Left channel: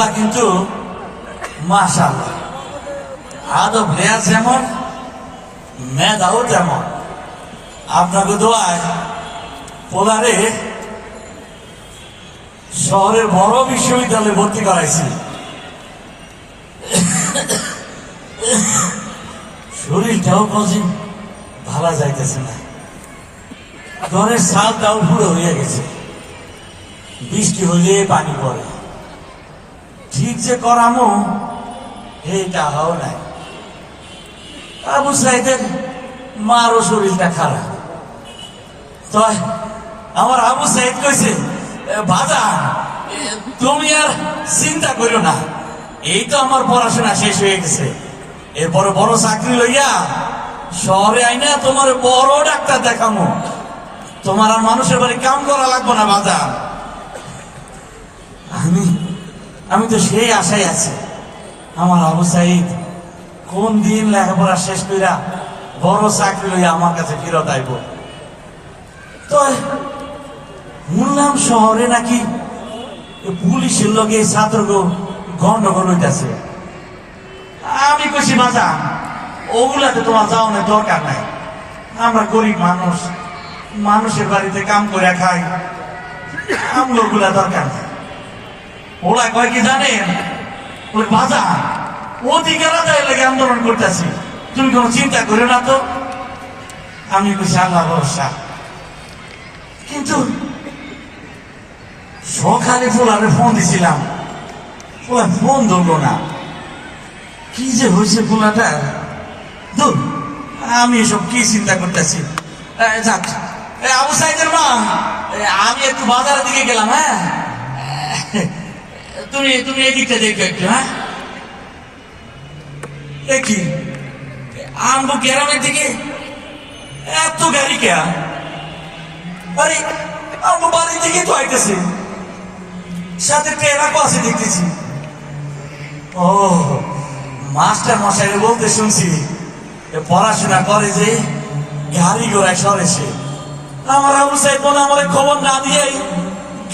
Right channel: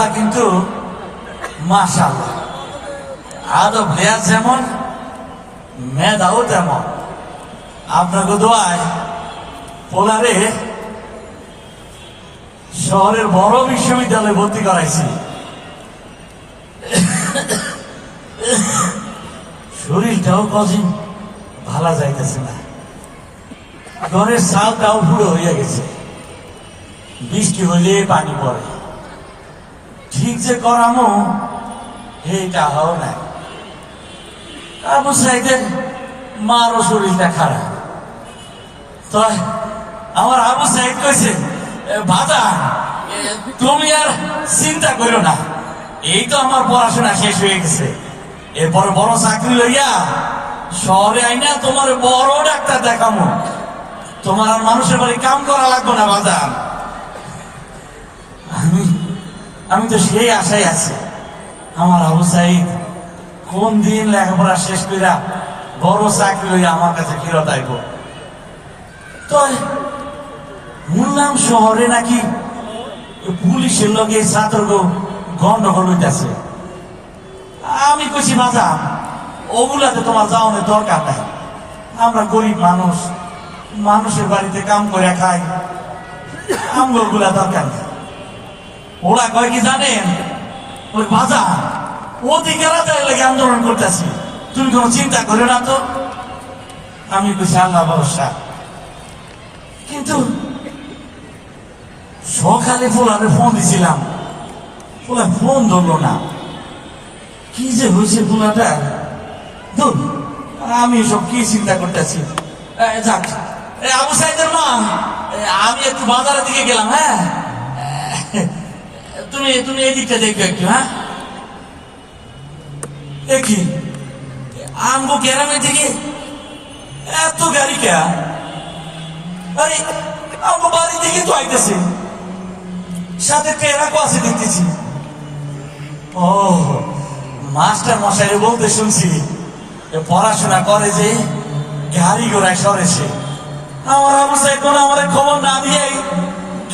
পোলা কিন্তু মাশাআল্লাহ আদব লেয়ার যেমন মেধাও তেমন। আপনাকে দোয়ায় পোলারে শহরের বড় বিশ্ববিদ্যালয়ে ভর্তি করাইছি। শরীরটাও কদিন ভালো যাইতেছে না, ঘরের ছাদটাও পুরো হয়ে গেছে, বৃষ্টি হলে পানি পড়ে, ঠিক যে করামো এই টাকাও নাই। আবু সাইদের মারও শরীরটা খারাপ, তো আমার আবু সাইদ কইছে বাবা তুমি আর চিন্তা করো না, এই তো আমার পড়াশোনা শেষ হয়ে গেছে, এরপরে বড় চাকরি লইয়া শহরে আইনা তোমার বড় ডাক্তার দেখামো, তোমার আর মানুষের বাড়ি কাম করা লাগবে না বাজার। আমি তো সেই আশায় আছি আমার আবু সাইদ কোন দিন লেখাপড়া শেষ কইরা বড় চাকরি লইয়া আমার কাছে ফেরত আইব। তো শুনলাম শহরে নাকি পুলিশের লোক এই ছাত্রকে গন্ডগোল হইতেছে। আমি কইছি বাজা ওগুলাতে তোমার যাওয়ানোর দরকার নাই, আমরা গরিব মানুষ, মানুষের বাড়িতে কাম করে খাই, আমগুলা দরকার নাই। ওরা কয় কি জানেন, ওই বাজা অধিকার আদায় লেগে আন্দোলন করতেছি, তুমি কোনো চিন্তা করো না তো। আমি কইছি আল্লাহ ভরসা। কিন্তু সকালে ফোলারে ফোন দিছিলাম, ফোলা ফোন ধরলো না, কি যে হয়েছে ফোলাটা। দূর, আমি এসব কি চিন্তা করতেছি। যাক আবু সাইদের মা, আমি একটু বাজারের দিকে গেলাম, হ্যাঁ তুমি তুমি এই দিকটা দেখো একটু। হ্যাঁ দেখি আমগো গ্রামের দিকে এত গাড়ি কে, আরে আমগো বাড়ির দিকে তো আইতেছে, সাথে ট্রেনাকও আছে দেখতেছি। ও মাস্টার মশাই বলতে শুনছি পড়াশোনা করে যে গাড়ি ঘোড়ায় সরেছে, আমার আবু সাইদ আমার খবর না দিয়েই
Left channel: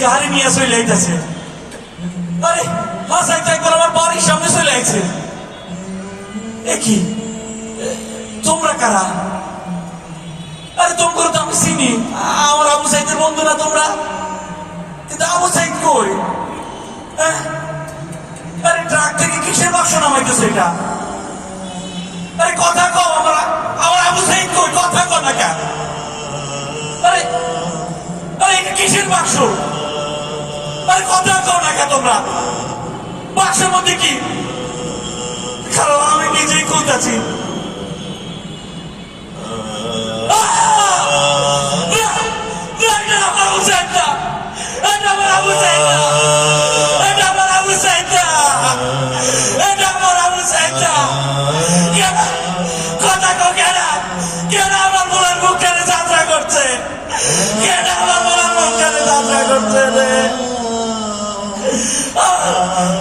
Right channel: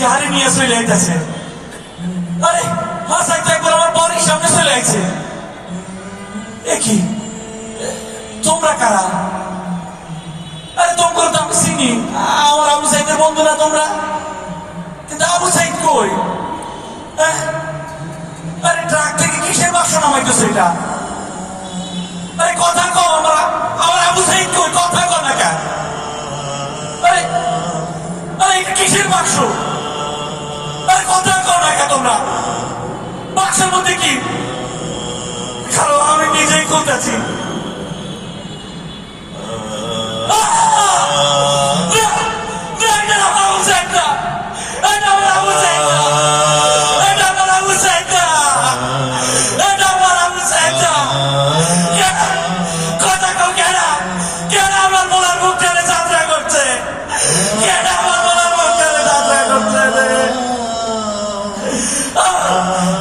গাড়ি নিয়ে চলে আইতেছে। আরে হাসাই তো একবার আমার বাড়ির সামনে চলে আইছে। কি তোমরা কারা? আরে তোমার তো আমি চিনি, আমার আবু সাইদের বন্ধুরা তোমরা, কিন্তু আবু সাইদ কই? আরে ট্রাক থেকে কিসের বাক্স নামাইতেছে এটা? আরে কথা কও, আমার আবু সাইদ কই? কথা কও না কেন? আরে আরে এটা কিসের বাক্স? আরে কথা কও না কেন তোমরা? বাক্সের মধ্যে কি? কারণ আমি নিজেই খুলতেছি।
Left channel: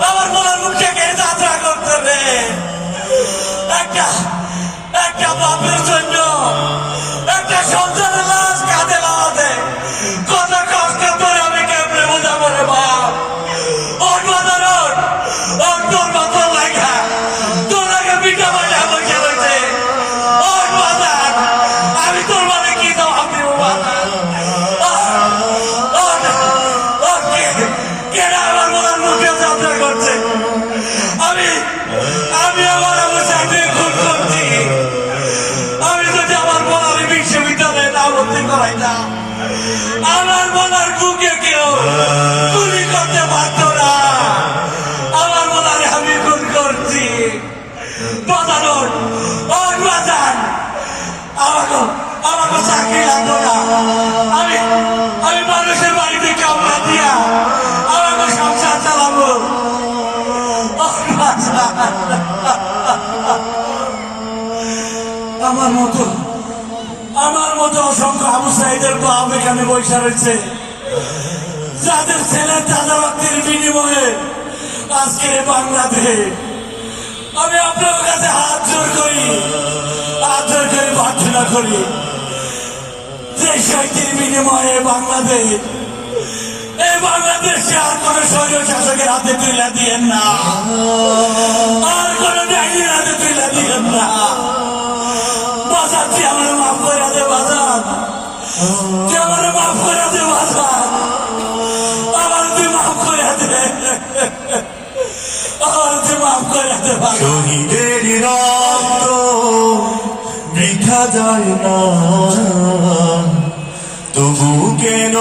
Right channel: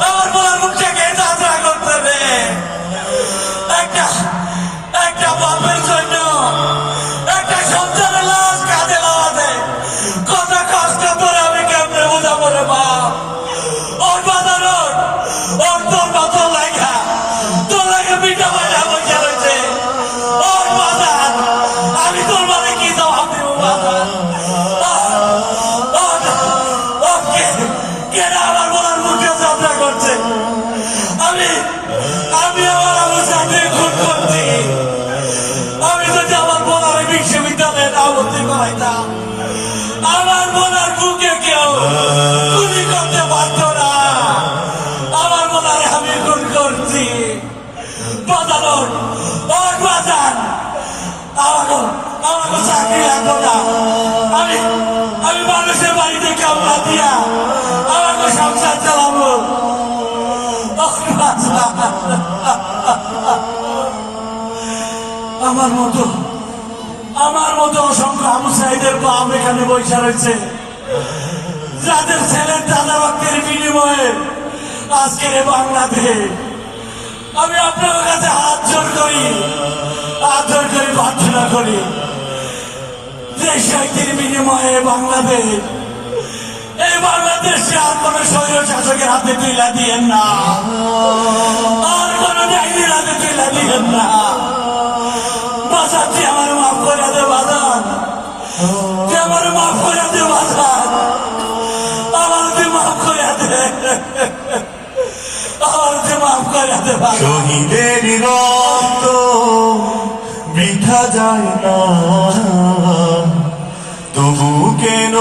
আমার বলার মুখে কে যাত্রা করতে রে? একটা বাপের জন্য একটা সংসারের লাশ কাঁধে লাগাতে কত কষ্ট করে আমি কেমনে বোঝাবো রে বাপ? ওর বাজার ওর তোর বাজার লাগা তোর লাগে পিঠা বাজা বসে রয়েছে। ওর বাজার আমি তোর মানে কি জবাব দেবো বাজার? কেনা আমার বলার মুখে যাত্রা করছে। আমি আমার আবু সাইদকে খুন করছি। আমি যদি আমার বলার বিশ্ববিদ্যালয়ে না ভর্তি করাইতাম, আমার বলার বুকে কেউ গুলি করতে পারত না। আমার বলারে আমি খুন করছি। বাজানোর ওর বাজার আমাকে চাকরি লাগবো না। আমি মানুষের বাড়িতে কেউ না দিয়া আমাকে সংসার চালাবো। আমার মতো অসংখ্য আবু সাইদের বাপ এখানে বৈশা রয়েছে, যাদের ছেলে তাদের রক্তের বিনিময়ে আজকের বাংলাতে আমি আপনার কাছে হাত জোর করি প্রার্থনা করি যে শহীদের বিনিময়ে বাংলাদেশ এই বাংলাদেশে আর কোন স্বৈর শাসকের হাতে তুইলা দিয়েন না, আর কোন ডাইনির হাতে তুইলা দিয়েন না। বাঁচাচ্ছি, আমার মাফ করে দে বাজান, তুই আমার মাফ করে দে বাজান, আমার তুই মাফ করে দে, আমার তুই মাফ করে দে বাজান। শহীদের রক্ত বৃথা যায় না, তবু কেন